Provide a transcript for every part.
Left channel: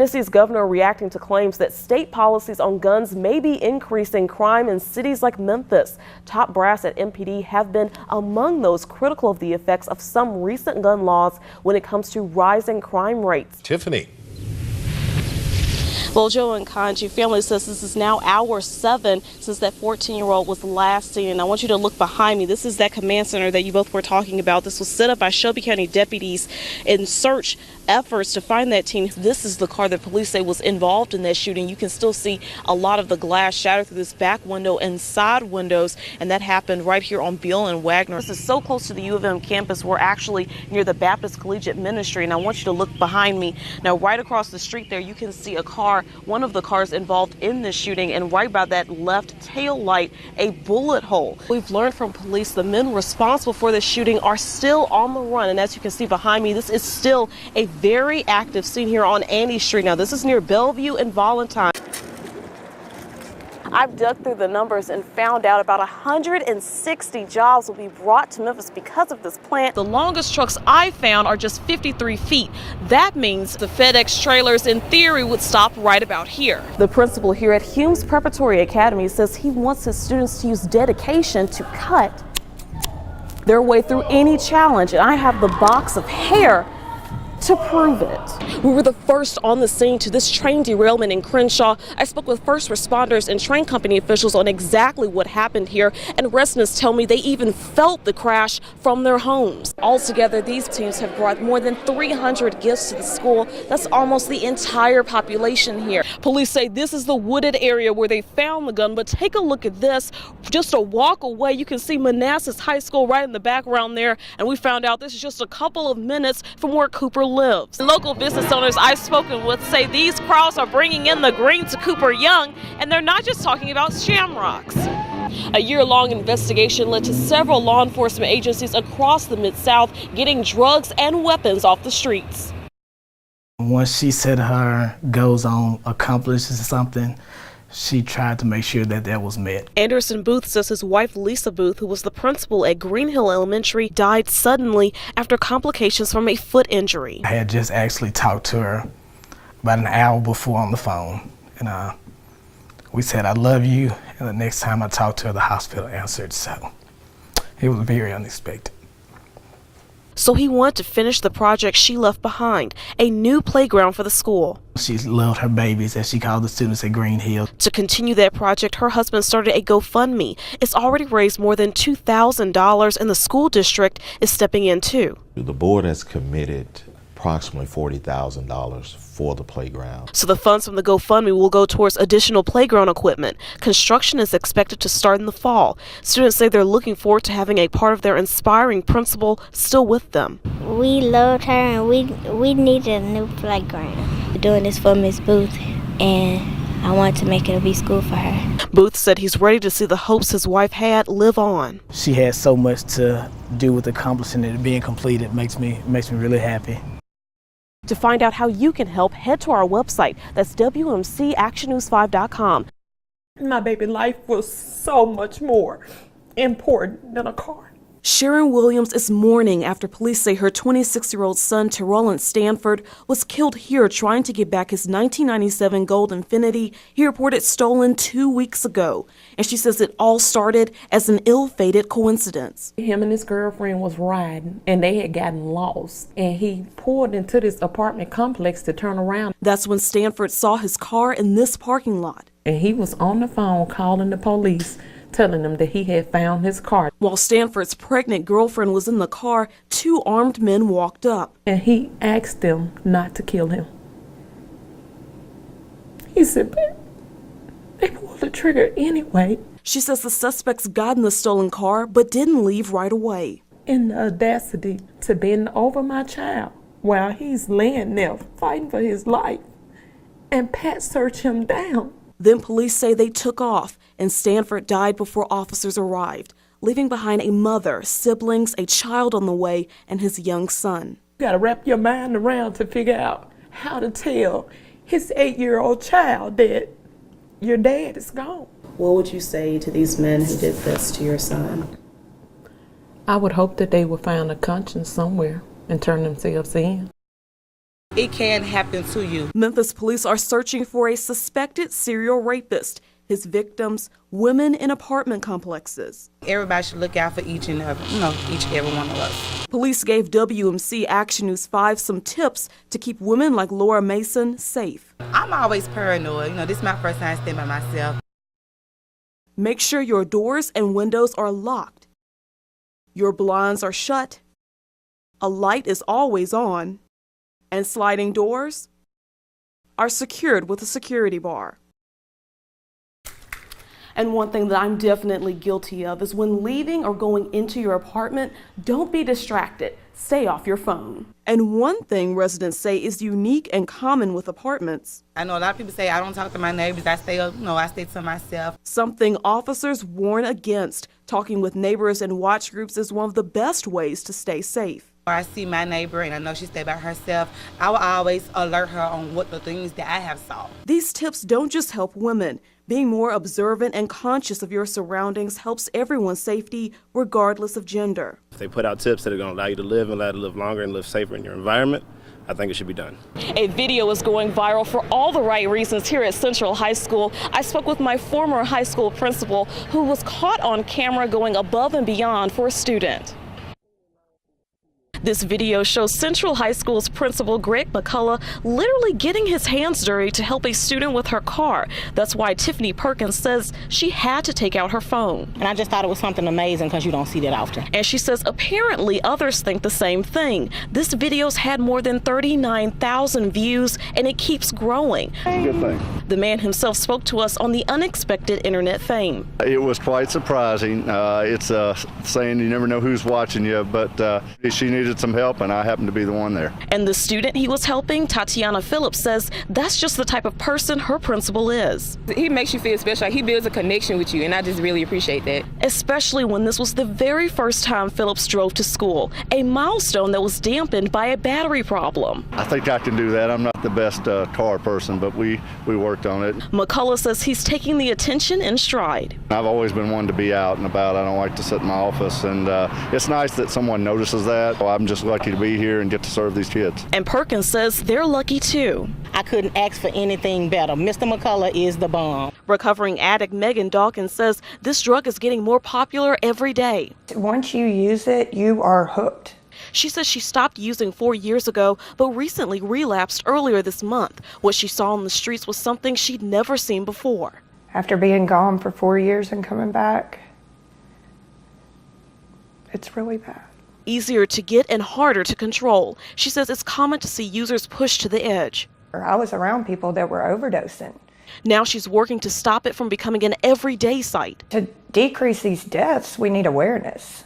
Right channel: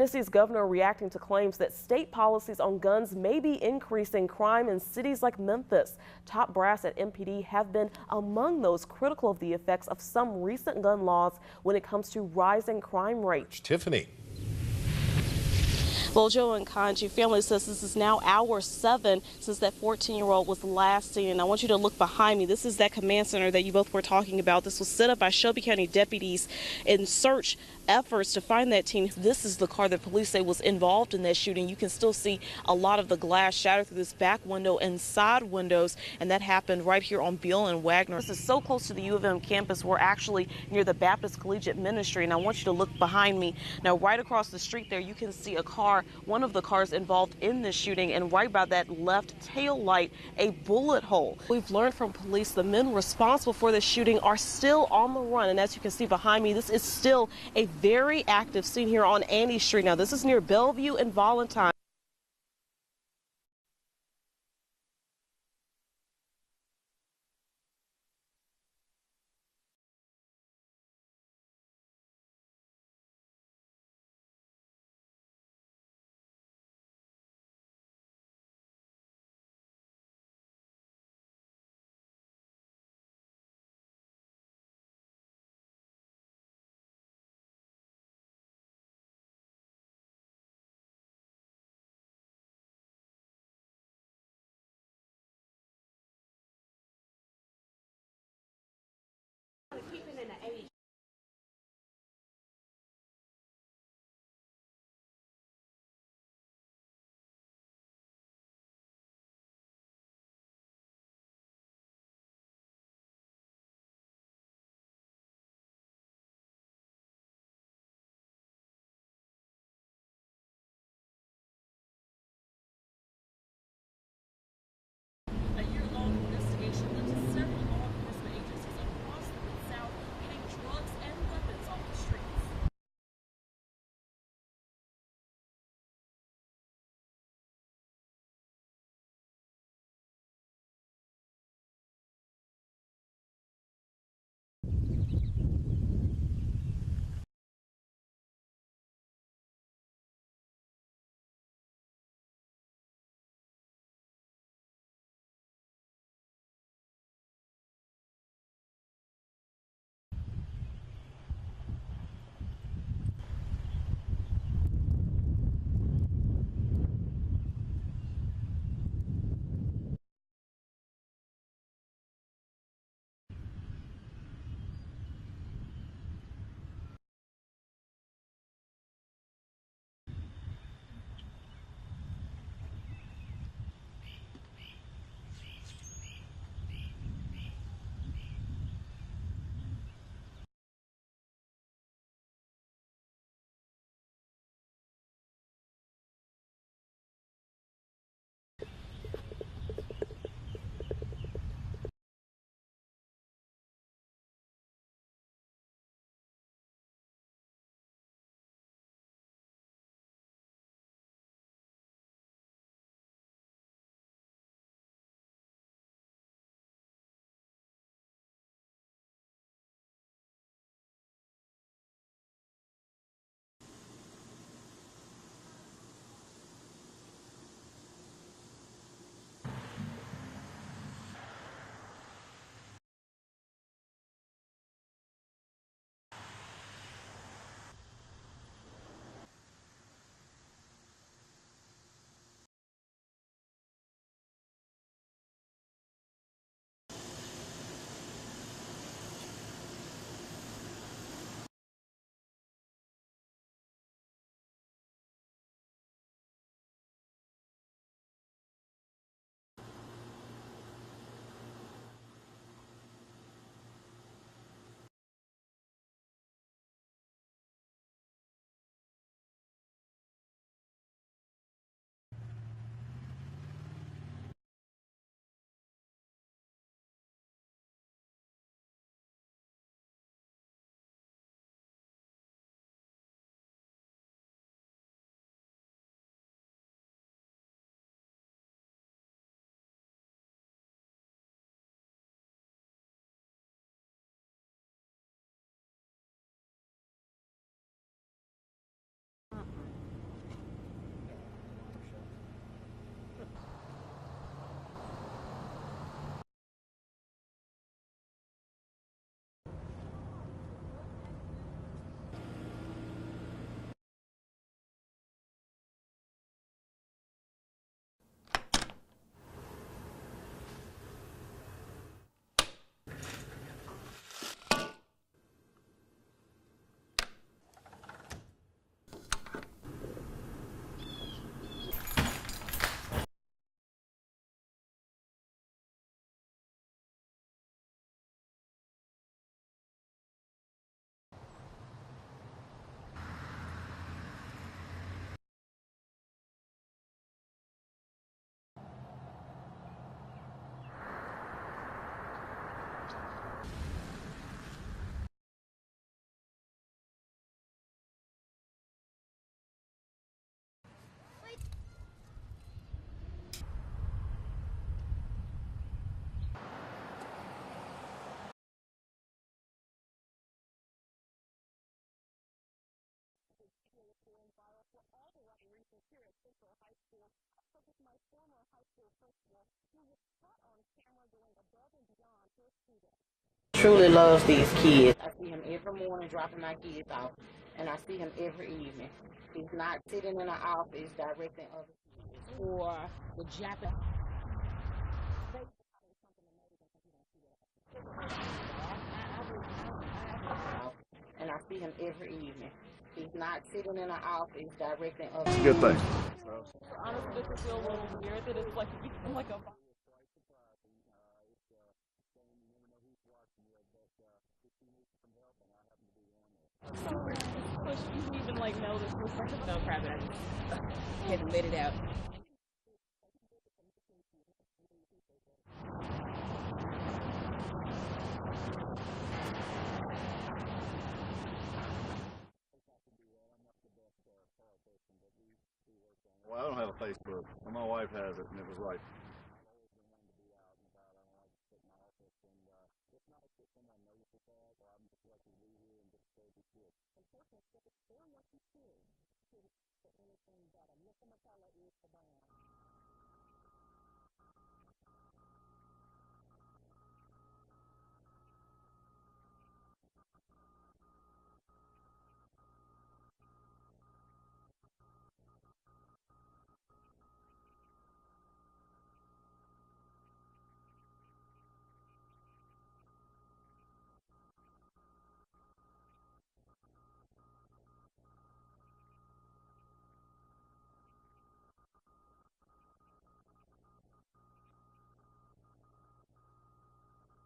Tennessee's governor reacting to claims that state policies on guns may be increasing crime in cities like Memphis. Top brass at MPD have been among those critical of the effects of some recent gun laws when it comes to rising crime rates. Tiffany. Well, Joe and Kanji family says this is now hour 7 since that 14-year-old was last seen. And I want you to look behind me. This is that command center that you both were talking about. This was set up by Shelby County deputies in search efforts to find that teen. This is the car that police say was involved in that shooting. You can still see a lot of the glass shattered through this back window and side windows, and that happened right here on Beale and Wagner. This is so close to the U of M campus. We're actually near the Baptist Collegiate Ministry, and I want you to look behind me. Now, right across the street there, you can see a car, one of the cars involved in this shooting, and right by that left tail light, a bullet hole. We've learned from police the men responsible for this shooting are still on the run, and as you can see behind me, this is still a very active scene here on Annie Street. Now, this is near Bellevue and Valentine. I've dug through the numbers and found out about 160 jobs will be brought to Memphis because of this plant. The longest trucks I found are just 53 feet. That means the FedEx trailers, in theory, would stop right about here. The principal here at Humes Preparatory Academy says he wants his students to use dedication to cut their way through any challenge. And I have the box of hair to prove it. We were the first on the scene to this train derailment in Crenshaw. I spoke with first responders and train company officials on exactly what happened here, and residents tell me they even felt the crash from their homes. Altogether, these teams have brought more than 300 gifts to the school. That's almost the entire population here. Police say this is the wooded area where they found the gun, but take a look at this. Just a walk away, you can see Manassas High School right in the background there, and we found out this is just a couple of minutes from where Cooper lives. Local business owners I've spoken with say these crowds are bringing in the green to Cooper Young, and they're not just talking about shamrocks. A year-long investigation led to several law enforcement agencies across the Mid-South getting drugs and weapons off the streets. Once she said her goals on accomplishes something, she tried to make sure that that was met. Anderson Booth says his wife Lisa Booth, who was the principal at Green Hill Elementary, died suddenly after complications from a foot injury. I had just actually talked to her about an hour before on the phone, and we said, "I love you," and the next time I talked to her, the hospital answered, so it was very unexpected. So he wanted to finish the project she left behind, a new playground for the school. She loved her babies, as she called the students at Green Hill. To continue that project, her husband started a GoFundMe. It's already raised more than $2,000, and the school district is stepping in too. The board has committed approximately $40,000 for the playground. So the funds from the GoFundMe will go towards additional playground equipment. Construction is expected to start in the fall. Students say they're looking forward to having a part of their inspiring principal still with them. We loved her, and we needed a new playground. We're doing this for Miss Booth, and I want to make it a B school for her. Booth said he's ready to see the hopes his wife had live on. She had so much to do with accomplishing it being completed. Makes me really happy. To find out how you can help, head to our website. That's WMCActionNews5.com. My baby's life was so much more important than a car. Sharon Williams is mourning after police say her 26-year-old son, Terrell Stanford, was killed here trying to get back his 1997 Gold Infiniti he reported stolen 2 weeks ago. And she says it all started as an ill-fated coincidence. Him and his girlfriend was riding, and they had gotten lost, and he pulled into this apartment complex to turn around. That's when Stanford saw his car in this parking lot. And he was on the phone calling the police, telling them that he had found his car. While Stanford's pregnant girlfriend was in the car, 2 armed men walked up. And he asked them not to kill him. He said, but they pulled the trigger anyway. She says the suspects got in the stolen car but didn't leave right away. In the audacity to bend over my child while he's laying there fighting for his life and pat search him down. Then police say they took off, and Stanford died before officers arrived, leaving behind a mother, siblings, a child on the way, and his young son. You gotta wrap your mind around to figure out how to tell his 8-year-old child that your dad is gone. What would you say to these men who did this to your son? I would hope that they would find a conscience somewhere and turn themselves in. It can happen to you. Memphis police are searching for a suspected serial rapist. His victims, women in apartment complexes. Everybody should look out for each and every one of us. Police gave WMC Action News 5 some tips to keep women like Laura Mason safe. I'm always paranoid. This is my first time staying by myself. Make sure your doors and windows are locked. Your blinds are shut. A light is always on. And sliding doors are secured with a security bar. And one thing that I'm definitely guilty of is when leaving or going into your apartment, don't be distracted. Stay off your phone. And one thing residents say is unique and common with apartments. I know a lot of people say I don't talk to my neighbors. I stay to myself. Something officers warn against. Talking with neighbors and watch groups is one of the best ways to stay safe. Or I see my neighbor and I know she stay by herself, I will always alert her on what the things that I have saw. These tips don't just help women. Being more observant and conscious of your surroundings helps everyone's safety, regardless of gender. If they put out tips that are going to allow you to live and allow you to live longer and live safer in your environment, I think it should be done. A video is going viral for all the right reasons here at Central High School. I spoke with my former high school principal who was caught on camera going above and beyond for a student. Truly loves these kids. This video shows Central High School's principal, Greg McCullough, literally getting his hands dirty to help a student with her car. That's why Tiffany Perkins says she had to take out her phone. And I just thought it was something amazing because you don't see that often. And she says apparently others think the same thing. This video's had more than 39,000 views and it keeps growing. It's a good thing. The man himself spoke to us on the unexpected internet fame. It was quite surprising. It's saying you never know who's watching you, but she needed some help and I happened to be the one there. And the student he was helping, Tatiana Phillips, says that's just the type of person her principal is. He makes you feel special. He builds a connection with you, and I just really appreciate that. Especially when this was the very first time Phillips drove to school, a milestone that was dampened by a battery problem. I think I can do that. I'm not the best car person, but we worked on it. McCullough says he's taking the attention in stride. I've always been one to be out and about. I don't like to sit in my office, and it's nice that someone notices that. Well, I'm just lucky to be here and get to serve these kids. And Perkins says they're lucky too. I couldn't ask for anything better. Mr. McCullough is the bomb. Recovering addict Megan Dawkins says this drug is getting more popular every day. Once you use it, you are hooked. She says she stopped using 4 years ago, but recently relapsed earlier this month. What she saw on the streets was something she'd never seen before. After being gone for 4 years and coming back, it's really bad. Easier to get and harder to control. She says it's common to see users pushed to the edge. I was around people that were overdosing. Now she's working to stop it from becoming an everyday sight. To decrease these deaths, we need awareness.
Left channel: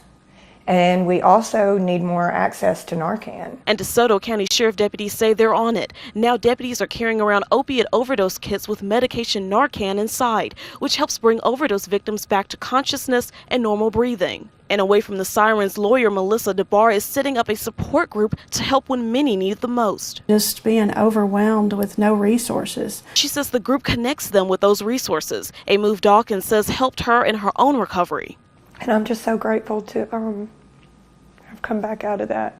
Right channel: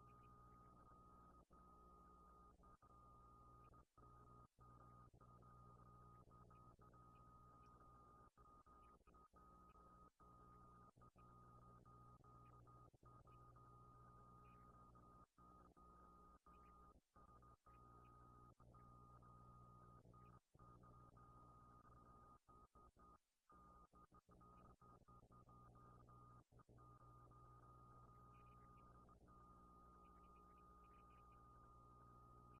And we also need more access to Narcan. And DeSoto County Sheriff deputies say they're on it. Now deputies are carrying around opiate overdose kits with medication Narcan inside, which helps bring overdose victims back to consciousness and normal breathing. And away from the sirens, lawyer Melissa DeBar is setting up a support group to help when many need it the most. Just being overwhelmed with no resources. She says the group connects them with those resources, a move Dawkins says helped her in her own recovery. And I'm just so grateful to have come back out of that.